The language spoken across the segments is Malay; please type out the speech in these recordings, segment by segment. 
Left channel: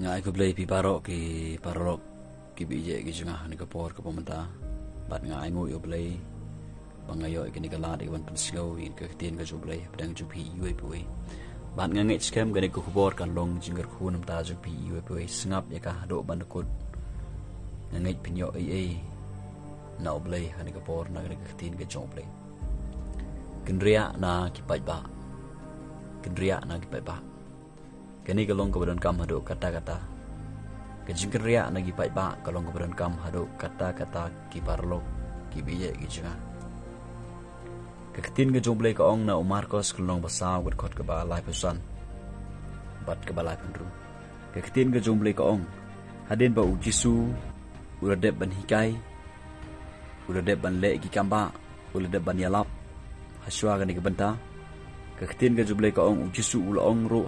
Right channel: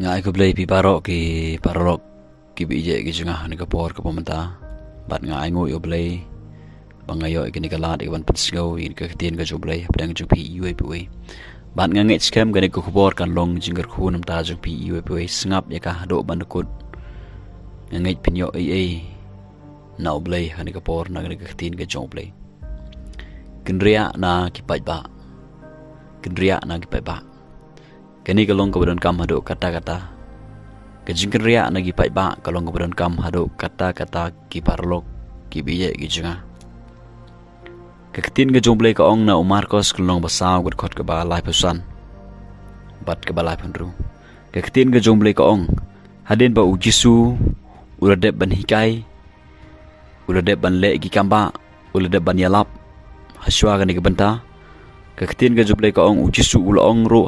Nga ay ko blay pi parok ki bije ki junga ni kapor ka pamanta bat nga ay nguyo blay bangayo ikini kalat ikan pensgau in ka tien ka jublay padang jupi UAPW bat nga ngit scam gani ko kubor kan long jingger khunam ta jupi UAPW sngap ya ka do bandukut nga ngit pinyo ai na blay hani kapor na gani ka tien ka jublay kendria na kipai ba kendria na kipai ba kani kalong kemudian kam hado kata-kata kejingkan ria nagi pai ba kalong kemudian kam hado kata-kata ki parlok ki biye ki junga keketin ke jomble ka ong na umarkos kalong basaw gud khot ke ba lai pesan bat ke ba lai pendru keketin ke jomble ka ong hadin ba ujisu uladep ban hikai uladep ban le ki kamba uladep ban yalap haswa gani ke benta keketin ke jomble ka ong ujisu ula ong ro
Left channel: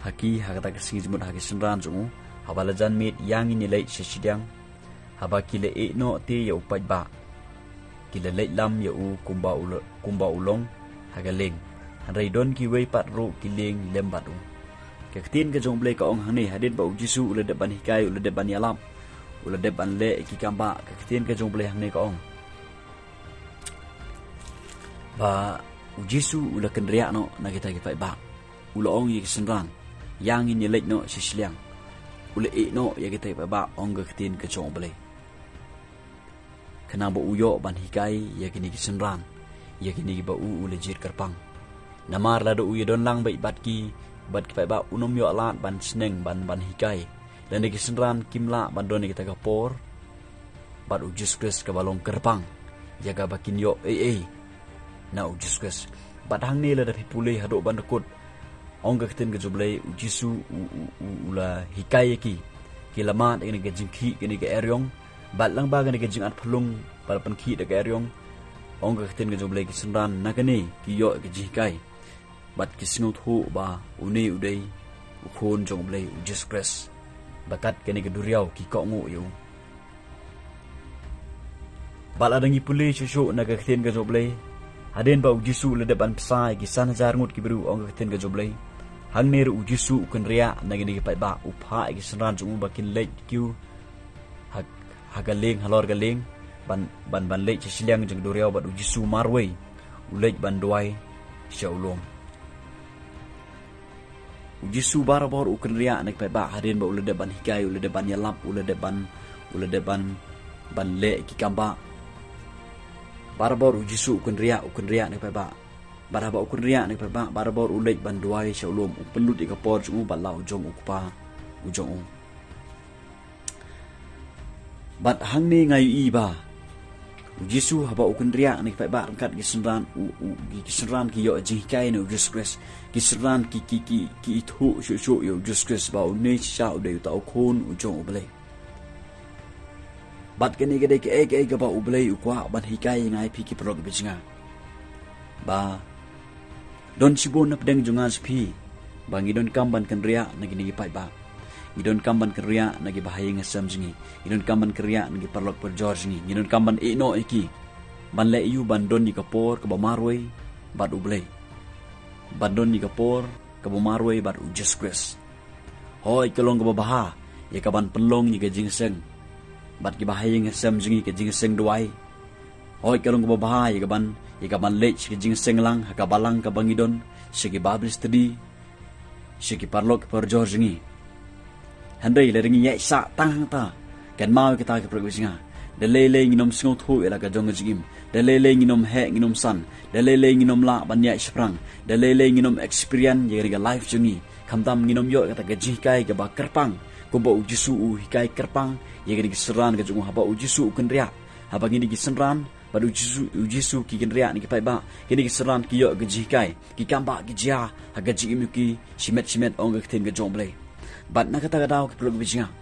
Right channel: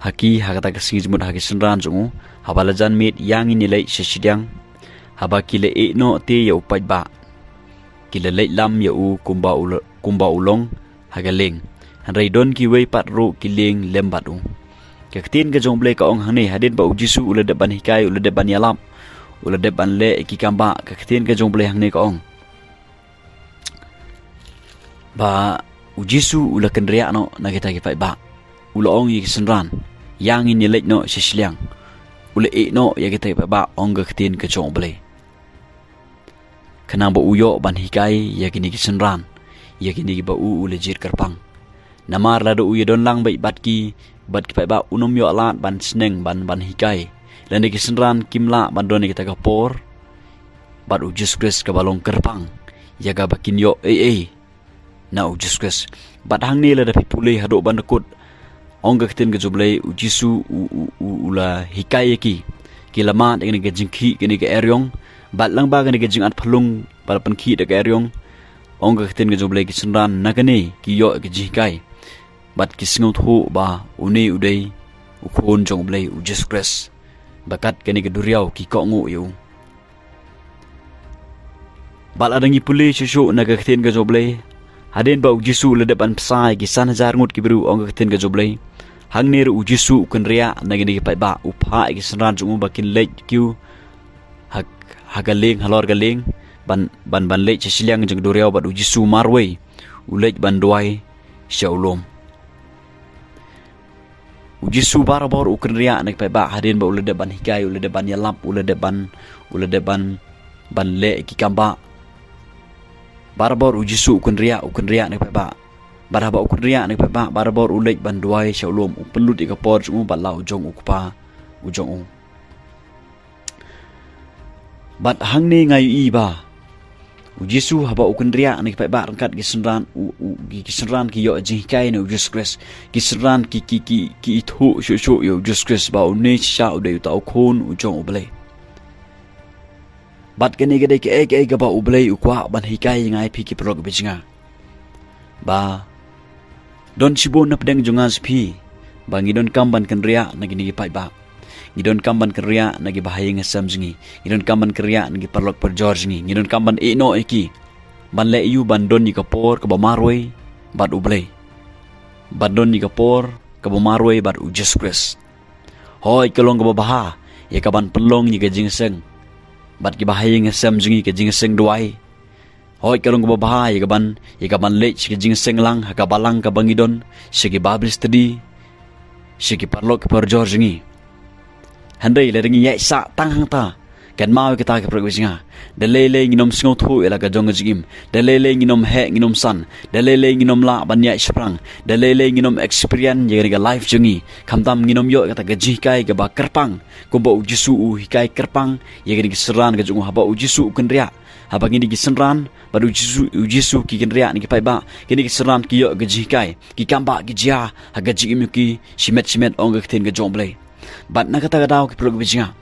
haki hakata kesingi jemut haki senran jungu habalajan mit yang ini lei sesidang haba kile no te ya upai ba kile lei lam ya u kumba ulong hagaleng hanrai don ki wei pat ro kileng lembat u keketin ke jomble ka ong hane hadin ba ujisu ula de ban hikai ula de ban yalam ula de ban le ki kamba keketin ke jomble hane ka ong ba ujisu ula kendria no na kita ki pai ba ula ong yi senran yang ini lek no sisliang ule no ya kita ba ong ga ketin ke chong ble kana ba uyo ban hikai ya kini kisenran ya kini ba ule jir kerpang namar la do uyo don lang bai bat ki ba unom yo alat ban sneng ban hikai lan ki senran kimla ban don kita ka por bat ujus kres ka balong kerpang ya ga bakin yo na ujus kres bat hang ni la da pipule hado ban dekut ongga ketin ke joblay ujisu ula hikaya ki lama dengan ke jingki kini ke eryong bat lang ba kini ke jingat phalung palapan ki de ke eryong ongga ketin ke joblay ki senran nakane ki yo ke jikai bat ki singot ho ba uni udai ukon joblay ujis press bakat kini ke duriau ki ko ngo yu bat adangi puli shushu naga ketin ke joblay hadin ba ujisu le depan pesai ki san hajar ngut ki beru ongga ketin ke joblay hang nir ujisu kan ria nagi pai ba upha ki senran jungu bakin lej kiu hagaleng halor galeng ban lej siliang jeng doriau bat ujisu marwei ulej ban doai syaulom ujisu barabor ukan ria nagi pai ba hadin ba ulede ban hikai ulede ban yalap ulede ban le ki kamba barabor ujisu ukan ria nagi pai ba baraba ukun ria ni pa barabor ulej banduai syaulom upenlut ikapor jungu bala ujong ukpa ujong bat hangni ngayu iba ujisu haba ukun ria ni pa ba rangkat kisenran ki yo jingkai ni ujus kres kisenran ki itu shu yo ujus kres ba uni sha udai ta ukun ujong ublei bat kene gede ke ga ba ublei ukwa ban hikai ngai pi ki prog bijinga ba don sibo na pedang jungas pi bangi don kamban kenria nagi nigi pai ba ngidon kamban kenria nagi bahaya ngasam jingi ngidon kamban kenria nagi perlok perjor jingi ngidon kamban no eki ban le yu ban don ni kapor ke bamaroi bat ublei ban don ni kapor ke bamaroi bat ujes kres hoi kelong ke baha ya kaban pelong ni ke jingseng bat ki bahaya ngasam jingi ke jingseng doai hoi kalong ko bahay ikaban lech ke jingseng lang hakabalang ka bangidon sige bablis tadi sige parlok per jorgingi handai le ringi ya sa tanghang ta kan mau kita ke progresinga dalele nginom singot hu ela ka jong jigim dalele nginom he nginom san dalele nginom la ban ya sprang dalele nginom experience ye ga life jungi kamtam nginom yo kata gaji kai ga ba kerpang ko ba ujisu hikai kerpang ye ga seran ga jong haba ujisu kenria haba ngini ki senran baru ujisu ki kenria ni ki pai ba kini ki seran ki yo gaji kai ki kamba ki jia haga jigim ki simet ong ga ten ga jomble bat na kata daw ki prog bijinga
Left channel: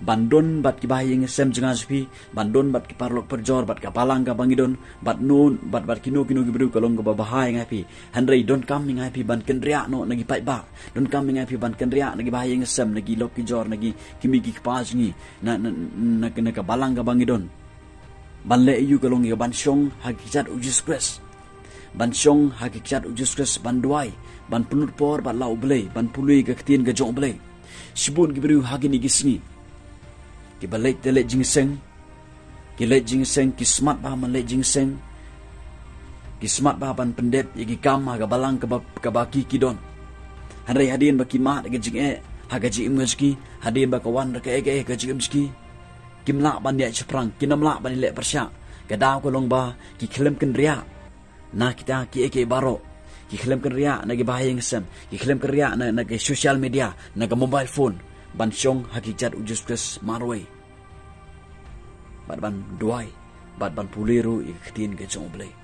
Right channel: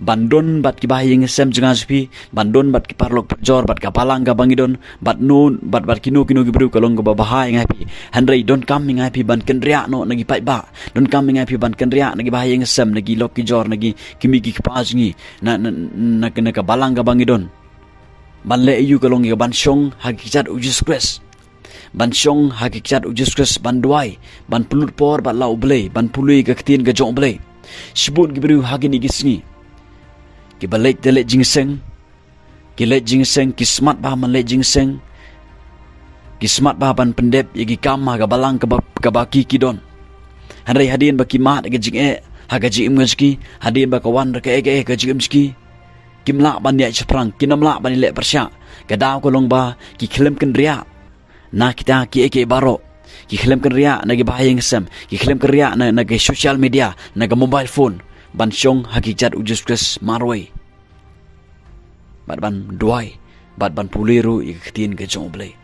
bandon bat ki bahing sem jenga supi bandon bat ki parlok perjor bat kapalang ga bangidon bat nun bat kino ki bru kalong ga bahai ngapi handrai don kam ngapi ban kendria no nagi pai ba don kam ngapi ban kendria nagi bahing sem nagi lok ki jor nagi kimi ki pazingi na ka balang ga bangidon ban le yu kalong ga ban shong hakikat ujus kres ban shong hakikat ujus kres ban duai ban pulut por bat lau blei ban pului ga ketin ga jong blei Sibun gibru hagini gisngi. Kibalek telek jingseng. Kilek jingseng kismat bah man lek jingseng. Kismat bah ban pendep yagi kamah gabalang kabaki kidon. Handai hadin baki mat ga jing haga jing ngajki hadin ba kawan ka ga jing mski. Kimla ban ya chaprang kinamla ban lek persya. Kadau kolong ba ki klem ken ria. Na kita ki baro. Ki klem ken ria nagi bahayang sem. Ki klem ken ria na nagi social media, naga mobile phone. Ban syong hakikat ujus marway. Bat ban duai, bat ban puliru ikatin ke jong blay.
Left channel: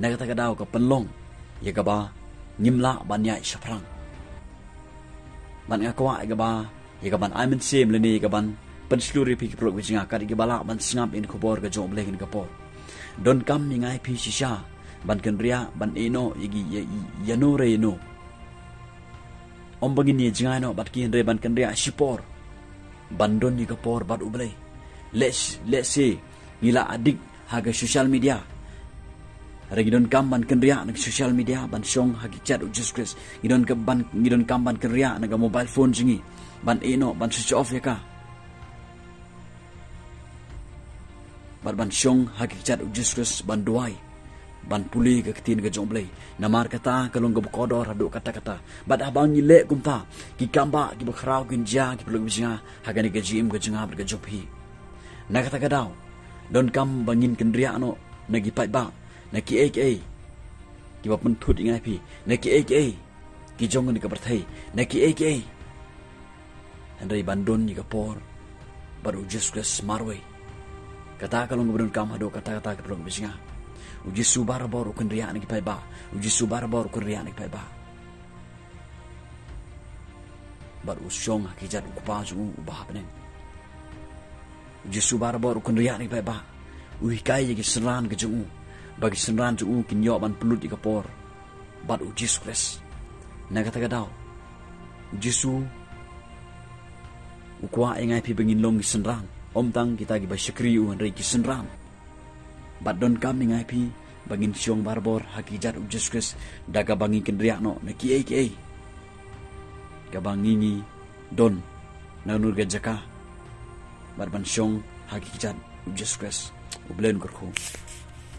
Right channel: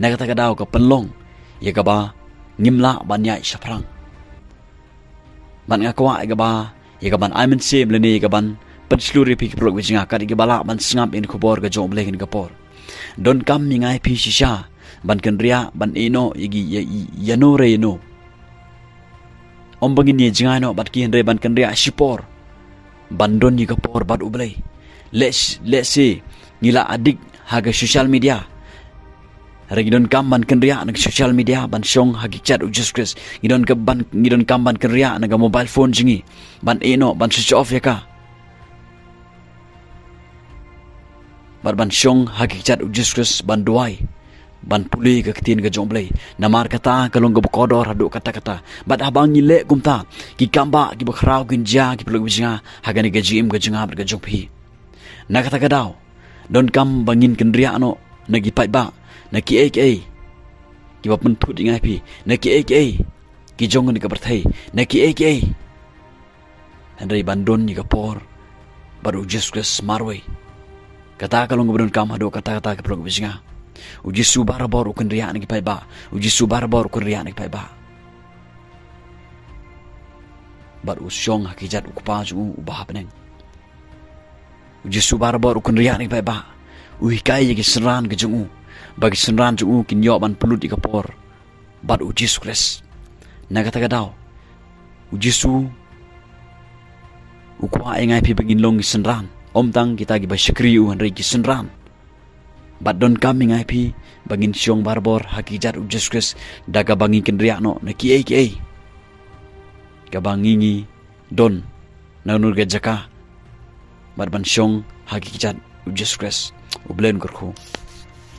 Naga takadaw ka penlong, yaga ba ngimla ban ya chaprang. Ban ngakwa yaga ban aimen sem leni yaga ban pensluri pi prok wijinga kad igabala ban sngap in kubor ka jong blay kin kapor. Don kam mingai pi shisha ban ken ria ban ino yagi yano re no. Ombangin ni jingai no bat ki henre ban ken ria shipor. Ban don yi kapor bat ublay. Let's say ngila adik haga social media. Ngidon kam ban ken ria nag social media ban syong hagi chat ujus kris. Ngidon kam ban ken ria naga mobile phone jingi. Ban ino ban switch off ya ka. Ban syong hagi chat ujus kris ban duai. Ban puli ke ketin ke jomblay. Namar kata kalong ke bekodor haduk kata-kata. Bat abang nyilek kumta. Ki kamba ki bakrau kinja ki peluk bijinga. Haga ni gajim ke jengah berke jompi. Na kata kadau. Don kam bangin kendria no. Nagi pai ba. Naki aka. Ki ba pentut ingai pi. Naki aka. Ki jong ni ke berthai. Naki aka. Andai bandon ni ke por. Baru Jesus marway. Kata kalong ke bedon kam haduk kata-kata ke peluk bijinga. Uji subar bor ukun riak nagi pai ba. Uji subar bor ukun riak nagi pai ba. Bar usyong hakijat ukupa jungu ubah peneng. Uji subar bor ukun riak nagi pai ba. Uhikai yagi senran ke jungu. Bagi senran jungu kinyok ban pelut di kapor. Bar uji sukres. Naga tagadau. Uji su. Ukwa ingai pi begin long senran. Om tang kita gi basyakri u hanrei ki senran. Bat don kami ngai pi bangin syong barbor hakijat ujus kres daga bangi kendriak no na ki ai ka bangingi don na nur ga jaka bat ban syong hakijat ujus kres ublen kurku.